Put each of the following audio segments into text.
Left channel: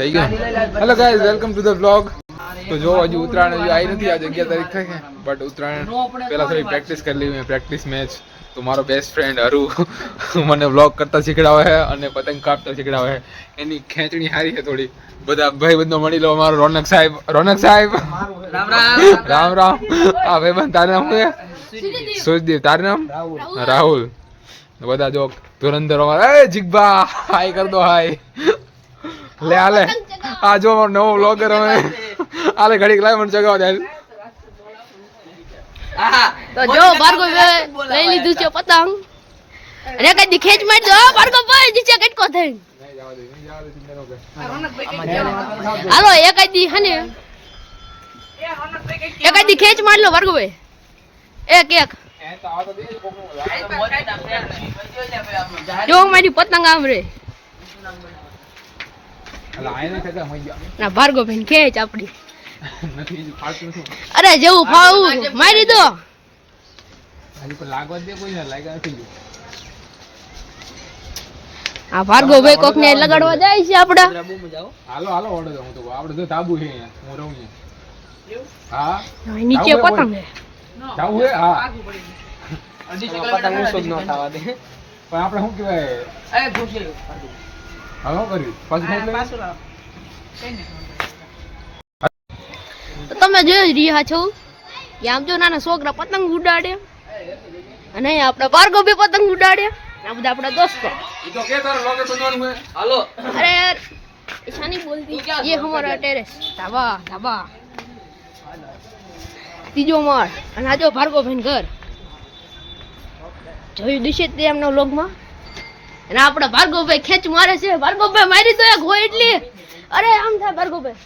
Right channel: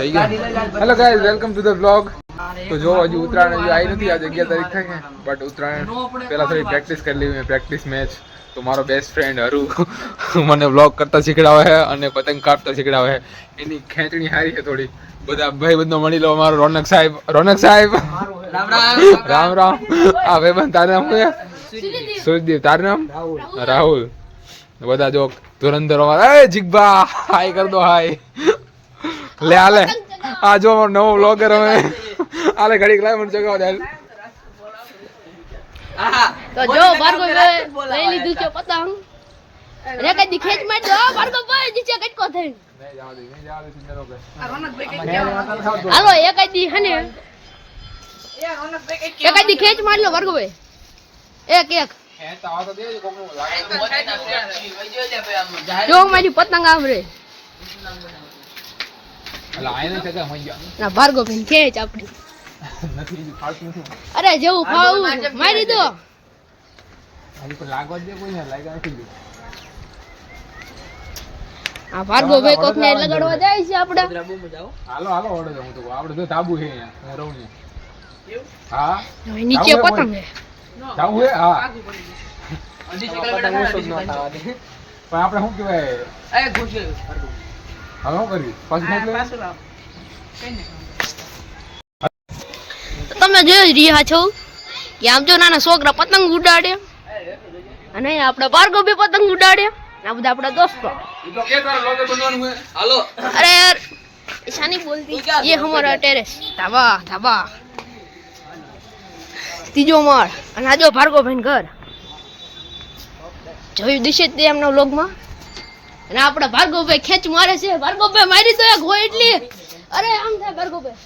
થઈ ગયા. Hello guys, welcome to the blog. તો જો હજુ ઉત્તરાયણ હજુ આવી નથી, આજે 11 તારીખ થાય છે, બટ ઉત્તરાયણ પહેલા થોડી પ્રેક્ટિસ કરી લીધી. પ્રેક્ટિસ મેચ તો મારો બેસ્ટ ફ્રેન્ડ હરુ મને બ્લોગ કરતા શીખડાવે છે અને પતંગ કાપતા શીખડાવે છે. એની ખેંચણી સારી છે થોડી. બધા ભાઈ બંધો મળી લો. મારો રોનક સાહેબ રામ રામ. આ ભાઈબંધ તારું નામ શું છે? સુજદીપ. તારું નામ? રાહુલ. બધા જો ધુરંધર જીગબા હાય કર દો હાય. લે આલે આ જો નવો વ્લોગર હવે આલે ઘડીક લાવ મને જગાવ દે. તો જો ભાર્ગવ લઈ લીધું છે પતંગ અને કદી ખેંચ માર દો ભાર્ગવ ભાઈ નીચે કટકો થઈ. નહીં જવા દે ચિંતા ન કર. હાલો એકદી હને એકદી ખેંચ માર લો ભાર્ગવ ભાઈ. એક એ તો આ તો દે કોકનો લાગે. જો મારી પતંગ આમ રે. અલા આઈને જગા મઈ ગયો. ના ભાર્ગવ ભાઈ ખેંચ આપડી નથી ફાળતું નથી. અરે જેવું ફાવું મારી દો. હજી પણ લાગવા દે કોઈ ને લાગ્યા નથી જો. આ ભાર્ગવ ભાઈ કોકને લગાડવા જાય છે આપડા. હાલો હાલો ઓર્ડર હું તો આપણે જો તાબુ છે અહીંયા હું રહું અહીંયા. હા નીચે પતંગ છે. જાવું હે હા. પણ આપણે શું કહેવાય હાલો કરી પાછું તમે જોઈ રહ્યા છો કે આમ જો નાના છોકરા પતંગ ઉડાડે અને આપડા ભાર્ગવ ભાઈ પતંગ ઉડાડે. આ બધા આપડા દોસ્તો. अरे यार ऐसा नहीं बोलती. ये हमारा टेरेस ધાબા ધાબા ત્રીજો માળ અને આ જો ભાર્ગવ ભાઈ ઘર જોયું દિશે તે એમના વ્લોગમાં. અને આપડા ભાર્ગવ ભાઈ ખેંચ મારે છે. ભાર્ગવ ભાઈ મારી દો એક હોય એટલી. અરે આમ થાય ભાર્ગવ ભાઈ.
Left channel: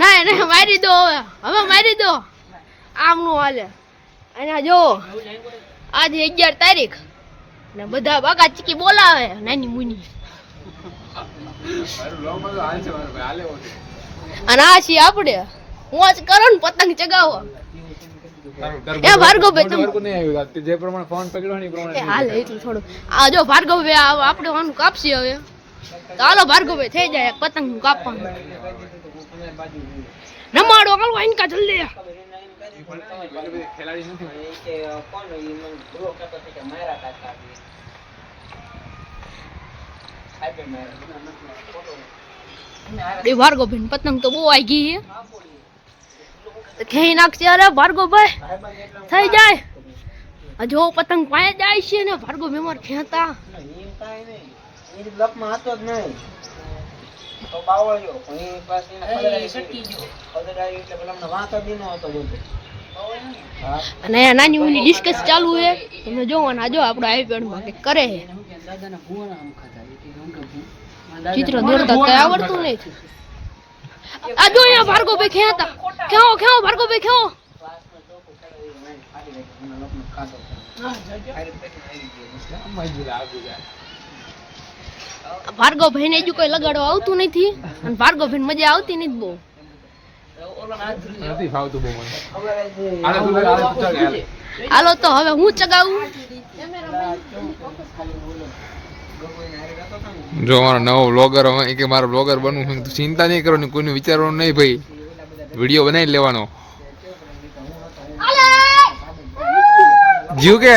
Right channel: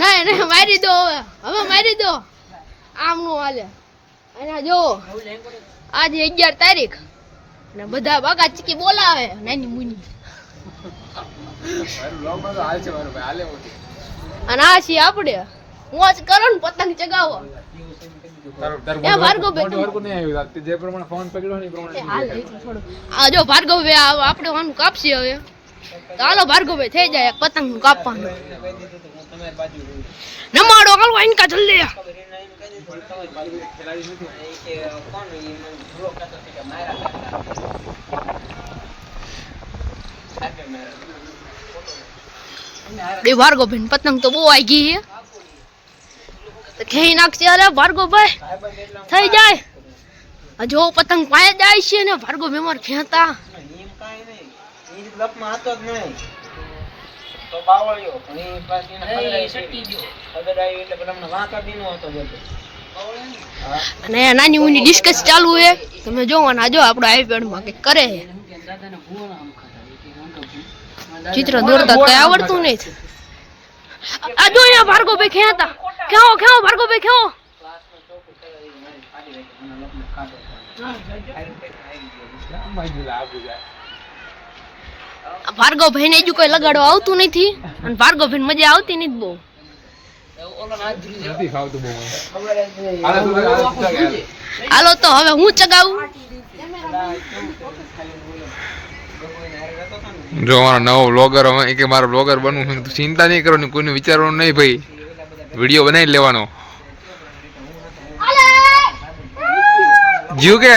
નહીં નહીં મારી દો હવે મારી દો. આમનું હાલે. અને જો આજે 11 તારીખ અને બધા બાકા ચીકી બોલાવે નાની મુની. અને આ છીએ આપણે મોજ કરો ને પતંગ ચગાવો. એ ભાર્ગવ ભાઈ વર્ક નહીં આવ્યું જે પ્રમાણે ફોન પકડ્યો ને એ પ્રમાણે હાલ એટલું થોડું. આ જો ભાર્ગવ ભાઈ આપણે આનું કાપસી હવે. તો હાલો ભાર્ગવ ભાઈ થઈ જાય પતંગ નું કાપવાનું. નમાડો હાલો ઇનકા જલ્દી. ખેલાડી નથી બે ભાર્ગવ ભાઈ પતંગ તો બહુ આવી ગઈ છે. ખેઈ નાખશે અરે ભાર્ગવ ભાઈ થઈ જાય. જો પતંગ પાયે જાય છે ને ભાર્ગવ બીમાર ખેતા. અને નાની ઉની ડિસ્કસ ચાલુ છે. તમે જોવાના જો આપણો આઈપેડ માં કઈ કરે છે. ચિત્ર દોરતા કઈ આવડતું નહીં. આ જો અહીંયા ભાર્ગવ ભાઈ ખેતા. ખેવો ખેવો ભાર્ગવ ભાઈ ખેવો. ભાર્ગવ ભાઈ ને હજુ કોઈ લગાડવા આવતું નથી અને ભાર્ગવ ભાઈ મજા આવતી નથી બહુ. નથી ફાવતું બહુ મને. હાલો તો હવે હું ચગાવું. જો મારો નવો બ્લોગર હવે કે મારો બ્લોગર બનવું ચિંતા નહીં કરવાની, કોઈને વિચારવાનું નહીં ભાઈ, વિડીયો બનાવી લેવાનો. જીવ કે